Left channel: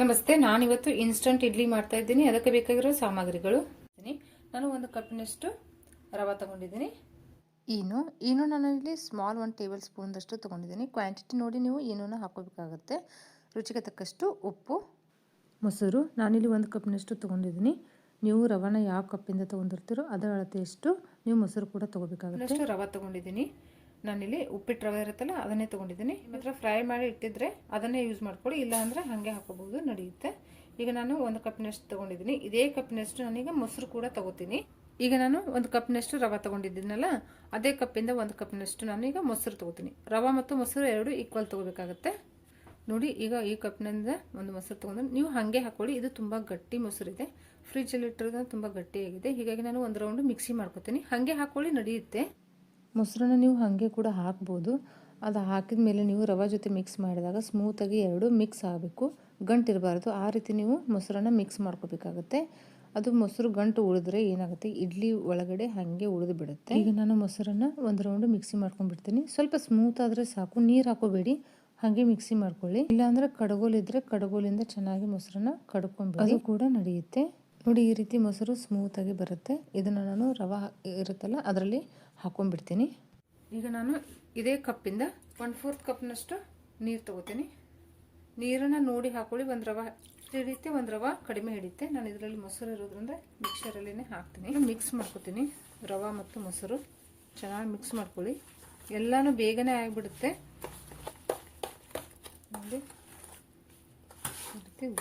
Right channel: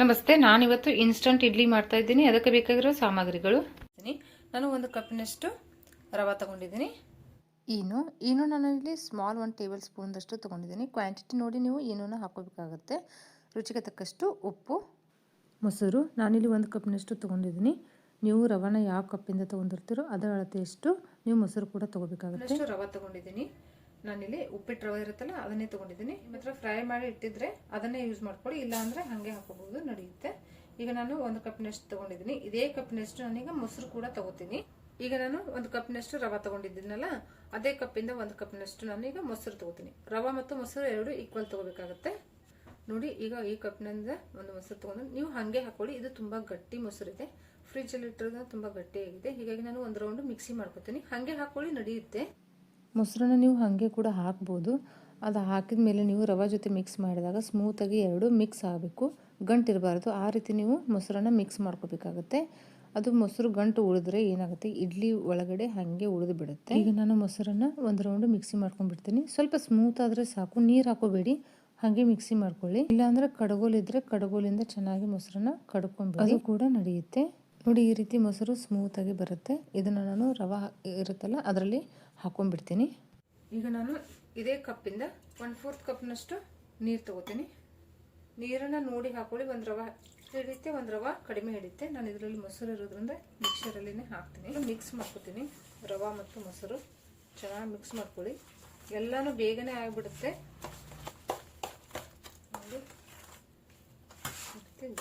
ನಮಸ್ತೆ ನಾನಿವತ್ತು ಇನ್ಸ್ಟಂಟ್ ಇಡ್ಲಿ ಮಾಡ್ತಾ ಇದ್ದೀನಿ. ಅದಕ್ಕೆ ಬೇಕಾಗಿರೋ ಸಾಮಗ್ರಿಗಳು. ನಾನು ಒಂದು ಕಪ್ಪಿನಷ್ಟು ರವೆ ತಗೊಂಡಿದ್ದೀನಿ. ಈನು ಈನು ನಾನು ಇಲ್ಲಿ ಸ್ಮಾಲ್ ಒಂದು ಟೇಬಲ್ ಸ್ಪೂನ್ದಷ್ಟು ತೊಗೊಂಡಿದ್ದೀನಿ. ಕ್ವಾಂಟಿಟಿ ನೋಡಿ ನೀವು ಏನೂ ಹಾಕೋಬೇಕಾಗತ್ತೆ. ರುಚಿಗೆ ತಕ್ಕಷ್ಟು ಉಪ್ಪು ಮೊಸರು. ನಾನಿಲ್ಲಿ ಒಂದು ಕಪ್ನಷ್ಟು ತೊಗೊಂಡಿದ್ದೀನಿ. ನೀವು ರವನ ಯಾವ ಕಪ್ಪಿಂದ ತೊಗೊಂಡಿರ್ತೀರೋ ಅದರ ಅಳತೆಯಷ್ಟು ನೀವು ಮೊಸರು ಕೂಡ ತೊಗೋಬೇಕಾಗುತ್ತೆ. ರವೆ ತೊಗೊಂಡಿದ್ದೀನಿ. ನಾನಿಲ್ಲಿ ಉಪ್ಪಿಟ್ಟು ರವೆ ಇರುತ್ತಲ್ಲ, ಅದನ್ನೇ ತೊಗೊಂಡಿದ್ದೀನಿ. ಮಾತ್ರ ಫ್ರೈ ಮಾಡಿ ಇಟ್ಟಿದ್ರೆ ಅದನ್ನೇ ಯೂಸ್ ಮಾಡ್ಕೊಳ್ಳಿ ಇಲ್ಲ ಅಂದರೆ ಹಾಗೆ ಹಾಕೋಬಹುದು, ನಡೆಯುತ್ತೆ. ಈಗ ನಾನು ಒಂದು ಕಪ್ನಷ್ಟು ತೊಗೊಂಡಿದ್ದೀನಿ. ಇದೇ ಕಪ್ನಷ್ಟು ನಾನೀಗ ಮೊಸರು ಕೂಡ ತಗೋತೀನಿ. ಈಗ ನಾನು ಒಂದು ಕಪ್ನಷ್ಟು ರವೆ ತೊಗೊಂಡಿದ್ದೀನಲ್ಲ, ಅದೇ ಕಪ್ಪಿಂದ ಒಂದು ಕಪ್ನಷ್ಟು ನಾನೀಗ ಮೊಸರು ತೊಗೋತೀನಿ. ರವೆ ಮತ್ತು ಮೊಸರು ಎರಡು ಈಕ್ವಲ್ ತೊಗೋಬೇಕಾಗುತ್ತೆ. ನೋಡಿ, ಈಗ ಈ ಕಪ್ನಿಂದ ಒಂದು ಮೊಸರು ತೊಗೊಂಡು ನೀವು ಹಾಗೆ ಹಾಕೊಳ್ಳಿ, ಇದು ತುಂಬ ಗಟ್ಟಿ ಮೊಸರು ಇದೆ. ಫ್ರಿಜ್ಜಲ್ಲಿ ಇಟ್ಟಿರೋದು ತುಂಬ ಗಟ್ಟಿಯಾಗಿದೆ. ಹೀಗಾಗಿ ನಾನು ಒಂದು ರೌಂಡ್ ಮಿಕ್ಸಿ ಮಾಡ್ಕೊತೀನಿ. ಹಾಗೆ ಹಾಕೊಳ್ಳಿ, ನಡೆಯುತ್ತೆ. ಮೊಸರನ್ನ ನೀವು ಹಾಗೆ ಕೂಡ ಹಾಕ್ಬೋದು. ಅದು ಹಾಕಿದ ಮೇಲೆ ನೀವು ರವೆ ಜೊತೆ ಮಿಕ್ಸ್ ಮಾಡಿದಾಗ ಸ್ಮೂತಾಗಿ ಎರಡು ಮಿಕ್ಸ್ ಆಗಬೇಕು. ಗಂಟಿರಬಾರ್ದು ಆ ರೀತಿ ನೀವು ಮೊಸರನ್ನ ಮಿಕ್ಸ್ ಮಾಡ್ಕೋಬೇಕಾಗತ್ತೆ. ಅದು ಮೊಸರು ಗಂಟು ಉಳಿದ್ರೆ ಏನಾಗುತ್ತೆ? ಇಡ್ಲಿ ಒಳಗಡೆ ಹಾಗೆ ಉಳಿದು ಬಿಡುತ್ತೆ. ಈಗ ನಾನು ಮೊಸರನ್ನ ಒಂದು ರೌಂಡ್ ಮಿಕ್ಸಿ ಮಾಡ್ಕೊಂಡ್ಬಿಡ್ತೀನಿ. ಸ್ವಲ್ಪ ಸ್ಮೂತ್ ಆದರೆ ಸಾಕು. ನೀರು ಹಾಕೋಬೇಡಿ. ಹಾಗೆ ಮಿಕ್ಸಿ ಮಾಡ್ಕೊಳ್ಳಿ. ಇಲ್ಲಾಂದರೆ ಕಡಗೋಲಿದ್ರೆ ಕಡಗೋಲಿಂದ ಚೆನ್ನಾಗಿ ಮೊಸರನ್ನ ಕಡ್ಕೊಂಡ್ಬಿಡಿ. ಅದು ಕೂಡ ನಡೆಯುತ್ತೆ. ನೋಡಿ ಈ ರೀತಿ ಮೊಸರು ಸ್ಮೂತಾಗಿ ಬರುತ್ತೆ. ಇದನ್ನು ನಾನು ರವೆ ಇರುತ್ತಲ್ಲ ಅದರಲ್ಲಿ ಹಾಕೊಂಡ್ಬಿಡ್ತೀನಿ. ಈಗ ನಾನು ಇದೇ ಕಪ್ಪಿಂದ ಒನ್ ಫೋರ್ತ್ ಕಪ್ನಷ್ಟು ನೀರು ತಗೋತೀನಿ. ನೀರನ್ನು ನೋಡಿ ಹಾಕೊಳ್ಳಿ, ಒಂದು ರವೆ ಹಿಡಿಯುತ್ತೆ ಒಂದು ರವೆ ಕಡಿಮೆ ಹಿಡಿಯುತ್ತೆ. ನಾನು ಇದರಲ್ಲಿ ಮೊಸರು ಇರೋದ್ರಿಂದ ಮಿಕ್ಸರಲ್ಲಿನೇ ಹಾಕ್ತೀನಿ. ಮಿಕ್ಸ್ ಮಾಡ್ಕೊತೀನಿ. ರವ ಮತ್ತು ಮೊಸರು ಚೆನ್ನಾಗಿ ಮಿಕ್ಸ್ ಮಾಡ್ಕೊಳ್ಳಿ. ಎಲ್ಲನೂ ಬೇಗನೆ ಆಗಿಬಿಡುತ್ತೆ. ನೋಡಿ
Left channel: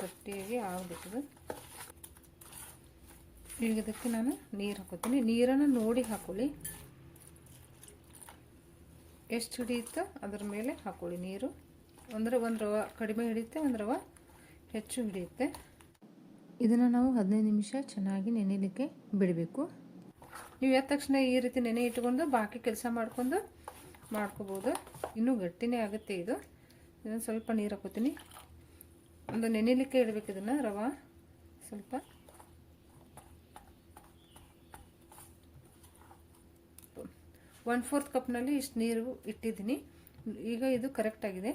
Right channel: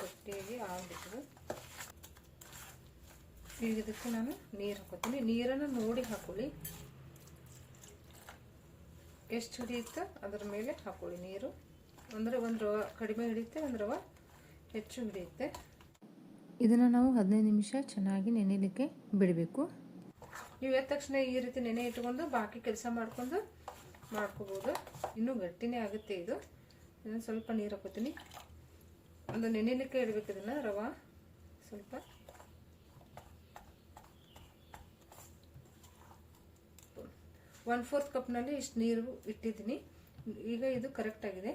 ಗಟ್ಟಿಯಾಗಿ ಆಗ್ಬಿಟ್ಟದು. ಈಗ ಇದಕ್ಕೆ ನಾನು ನೀರು ಹಾಕೋತೀನಿ. ನೀರನ್ನು ನೋಡಿ ಹಾಕೊಳ್ಳಿ. ಎಷ್ಟು ಹಿಡಿಯುತ್ತೋ ಅದ್ರ ಮೇಲೆ ಹಾಕೊಳ್ಳಿ ನೀರು. ಅಂದರೆ ಒಂದು ರವೆ ಕಡಿಮೆ ಹಿಡಿಯುತ್ತೆ, ಒಂದು ರವ ಹೆಚ್ಚು ಹಿಡಿಯುತ್ತೆ. ಇದನ್ನು ನಾವು ಹದಿನೈದು ನಿಮಿಷ ಚೆನ್ನಾಗಿ ನೆನೆಯಲಿಕ್ಕೆ ಬಿಡಬೇಕು. ನೀವು ಎದ್ದ ತಕ್ಷಣ ಈ ರೀತಿ ನೆನೆ ಇಟ್ಕೊಂಡು ಬಾಕಿ ಕೆಲಸ ಮಾಡ್ಕೊಂಡು ಮಾಡ್ಕೋಬೋದು. ಇನ್ನೂ ಗಟ್ಟಿನೇ ಆಗುತ್ತೆ ಇದು. ಇದನ್ನು ಸ್ವಲ್ಪ ನೀರು ಹಾಕೋತೀನಿ. ಒಂದು ನೆನೆಯಲಿಕ್ಕೆ ಇಡಬೇಕು ಇದನ್ನು, ರವ. ಸ್ವಲ್ಪ ಒನ್ ಫೋರ್ತ್ ಕಪ್ನಲ್ಲಿ ಇಷ್ಟು ನೀರು ಇಟ್ಟಿದ್ದೀನಿ. ಈಗ ಇದು ಕರೆಕ್ಟ್ ಆಗಿದೆ.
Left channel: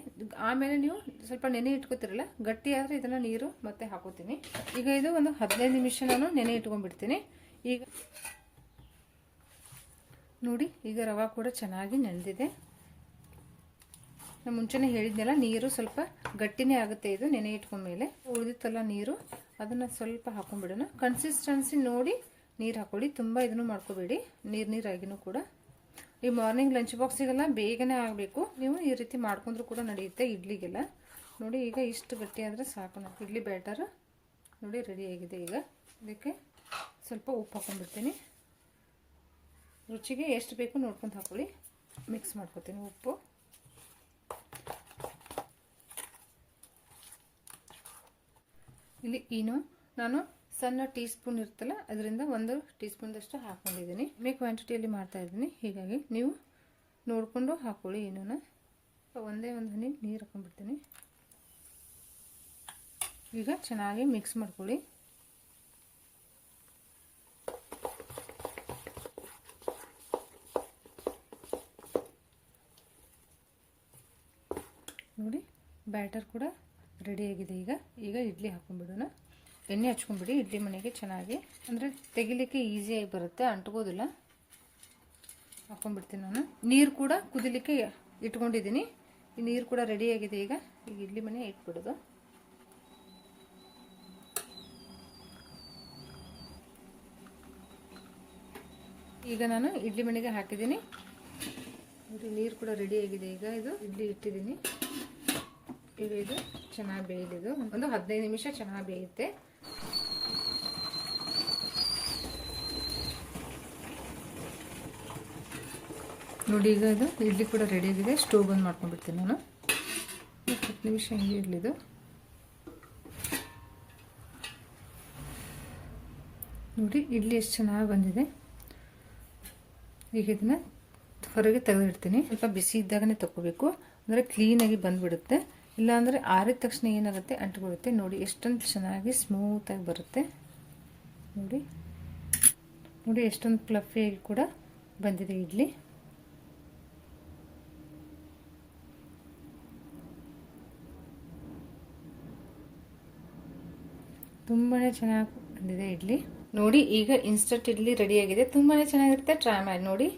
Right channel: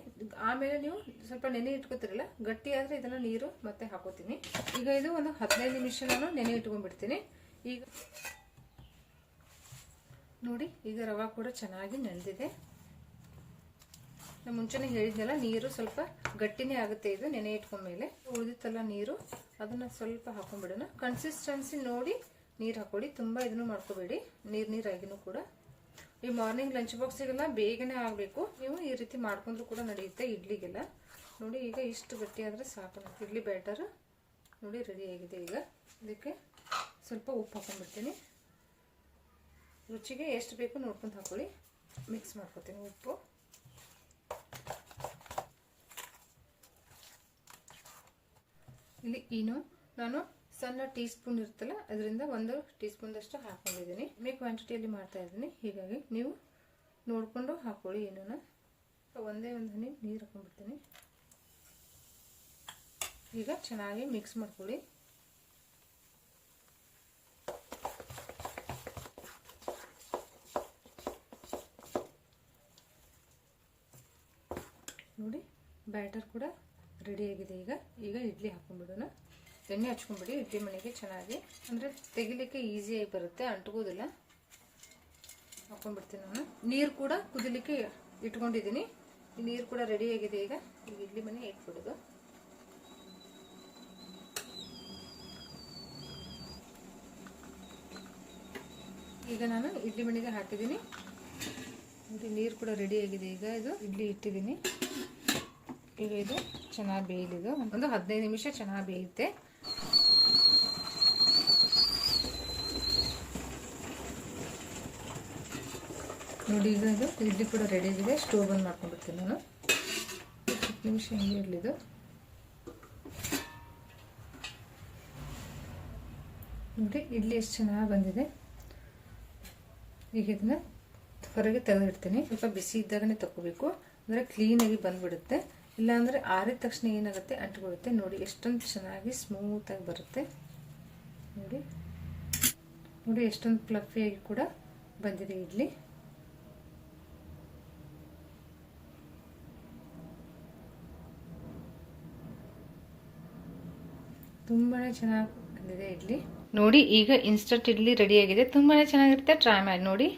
ಆಮೇಲೆ ನೀವು ಸ್ವಲ್ಪ ನೆನೆ ಇಟ್ಕೋತಿರಲ್ಲ, ಗಟ್ಟಿ ಆದರೆ ಇದನ್ನು ನೀರು ಮತ್ತೆ ಹಾಕೋತೀನಿ. ಈಗ ಇದು ಒಂದು ಹದಿನೈದು ನಿಮಿಷ ನಾನು ನೆನೆ ಇಟ್ಕೊಂಡ್ಬಿಡ್ತೀನಿ. ಈಗ ನೋಡಿ, ಈಗ ರವಾ ಕೂಡ ಚೆನ್ನಾಗಿ ನೆನೆದಿದೆ. ನಾನು ಮುಂಚೆನೇ ಹೇಳಿದ್ನಲ್ಲ, ನೀರು ಸ್ವಲ್ಪ ಗಟ್ಟಿನೇ ಆಗುತ್ತೆ ಇದು ನೆನೆ ಇಟ್ಕೊಂಡ್ಮೇಲೆ. ಉಳಿದಿತ್ತಲ್ಲ ನೀರು, ಅದನ್ನು ಸ್ವಲ್ಪ ಹಾಕೊಂಡ್ಬಿಡೋಣ. ಕನ್ಸಿಸ್ಟೆನ್ಸಿ ನೋಡಿ ನೀರು ಹಾಕೊಳ್ಳಿ, ತುಂಬ ಇದನ್ನು ಮಾಡ್ಕೋಬೇಡಿ. ನೀರು ನೀರಾಗಿನೂ ಕೂಡ. ಈ ಮಾರ್ನಿಂಗ್ ಲಂಚ್ ಬಾಕ್ಸಿಗೆಲ್ಲ ಬೇಗನೆ ಆಗಬೇಕು. ನೀವು ಈ ರೀತಿ ಮಾಡ್ಕೊಂಡ್ರು ಕೂಡ ನಡೆಯುತ್ತೆ ಇಡ್ಲಿಗೆಲ್ಲ. ನೋಡಿ, ಈಗ ಇಷ್ಟು ಗಟ್ಟಿ ಆದರೆ ಸಾಕು ಇಡ್ಲಿ ಬ್ಯಾಟರ್ ನೋಡಿ ರೆಡಿ ಆಗಿದೆ ಈಗ. ಇದಕ್ಕೆ ಸ್ವಲ್ಪ ಉಪ್ಪು ಹಾಕೊಂಡ್ಬಿಡ್ತೀನಿ ರುಚಿಗೆ ಎಷ್ಟು ಬೇಕು ನೋಡ್ಕೊಂಡು ಹಾಕೊಳ್ಳಿ. ಮಿಕ್ಸ್ ಮಾಡ್ಕೊತೀನಿ ಉಪ್ಪು. ಇಲ್ಲಿ ಏನು ನಾನು ಸಣ್ಣ ಟೀ ಸ್ಪೂನ್ ಇರುತ್ತಲ್ಲ, ಅದರಿಂದ ಒಂದು ಟೀ ಸ್ಪೂನ್ದಷ್ಟು ಹಾಕೊಂಡಿದ್ದೀನಿ ಮೇ ಕ್ವಾಂಟಿಟಿಯಲ್ಲಿ ಮಾಡ್ತಾ ಇದ್ದೀನಿ. ಹೀಗಾಗಿ ನೀವು ನೋಡಿಕೊಂಡು ಹಾಕೊಳ್ಳಿ ಏನೂ ಒಂದೇ ಒಂದು ಹನಿ ನೀರು ಹಾಕೊಂಡ್ಬಿಡ್ತೀನಿ. ಈಗ ಚೆನ್ನಾಗಿ ಮಿಕ್ಸ್ ಮಾಡ್ಕೊಳ್ಳಿ. ನೋಡಿ ಬ್ಯಾಟರ್ ಕೂಡ ರೆಡಿಯಾಗಿದೆ ಈಗ. ಈಗ ಇಡ್ಲಿ ಹಾಕೊಂಡ್ಬಿಡೋಣ. ಎಣ್ಣೆ ಹಚ್ಕೊಂಡ್ಬಿಡಿ, ಇಡ್ಲಿ ಮನೆಗೆ ಚೆನ್ನಾಗಿ. ಅಂದರೆ ತೆಗಿಲಿಕ್ಕೆ ಈಸಿಯಾಗಿ ಬರುತ್ತೆ, ಅಂಟ್ಕೋದಿಲ್ಲ. ಹಾಕೊಂಡ್ಬಿಡ್ತೀನಿ ನಾನು. ನೀರು ಕೂಡ ಕುದಿಲಿಕ್ಕೆ ಇಟ್ಕೊಂಡಿದ್ದೀನಿ. ಈ ನೀರು ಕೂಡ ರೆಡಿಯಾಗಿದೆ ಈಗ. ಈಗ ಇಡ್ಲಿ ಮನೆ ಇಟ್ಬಿಡೋದು. ಈಗ ನಾನು ಇಡ್ಲಿ ಮನೆಗೆ ಹಾಕಿದ್ದೀನಿ. ನೋಡಿ, ನೀರು ಕೂಡ ರೆಡಿಯಾಗಿದೆ ಈಗ. ಇದು ಇಡ್ಲಿ ಇಟ್ಟಿದ್ದೀನಿ. ಈಗ ಇದು ಚೆನ್ನಾಗಿ ಬೇಯಲಿದು. ಒಂದು ಹದಿನೈದು ನಿಮಿಷ ಚೆನ್ನಾಗಿ ಬೇಯುತ್ತೆ. ನೋಡಿ, ಈಗ ಇದು ಇಡ್ಲಿ ಕೂಡ ರೆಡಿ ಆಗಿದೆ. ಸ್ಟೋವ್ ಬಂದ್ ಮಾಡ್ಕೊಂಡ್ಬಿಡ್ತೀನಿ ನಾನು. ಹತ್ತು ನಿಮಿಷ ಹಿಂಗೆ ಇರಲಿದು ನೋಡಿ ಇಡ್ಲಿ ಎಷ್ಟು ಚೆನ್ನಾಗಿ ಬಂದಿದೆ. ಈಗ ಇದನ್ನ ಹೊರಗೆ ತೆಗೆದಿಡ್ತೀನಿ. ಸ್ವಲ್ಪ ಬಿಸಿ ಇದ್ದಾಗನೇ ತಗೋಬೇಕು. ಅಂದರೆ ಕ್ಲೀನಾಗಿ ಬಂದ್ಬಿಡುತ್ತೆ. ಇಲ್ಲಾಂದರೆ ಆರಿದ ತಕ್ಷಣ ಏನಾಗುತ್ತೆ? ಅಂಟ್ಕೊಳ್ಳುತ್ತೆ. ನೋಡಿ, ಎಷ್ಟೊಂದು ಚೆನ್ನಾಗಿ ಸ್ಮೂತಾಗಿ ಬರುತ್ತೆ. ನೋಡಿ. ನೋಡಿ, ಎಷ್ಟೊಂದು ಫ್ಲಫಿಯಾಗಿ ಕೂಡ ಬಂದಿದೆ ಇಡ್ಲಿ. ತುಂಬಾ ಚೆನ್ನಾಗಿ ಬಂದಿದೆ ಇಡ್ಲಿ. ನೋಡಿ, ಈಗ ಇನ್ಸ್ಟಂಟ್ ಇಡ್ಲಿ ರೆಡಿಯಾಗಿದೆ ತುಂಬಾ ಚೆನ್ನಾಗಿರುತ್ತೆ. ಟ್ರೈ ಮಾಡಿ ನೋಡಿ.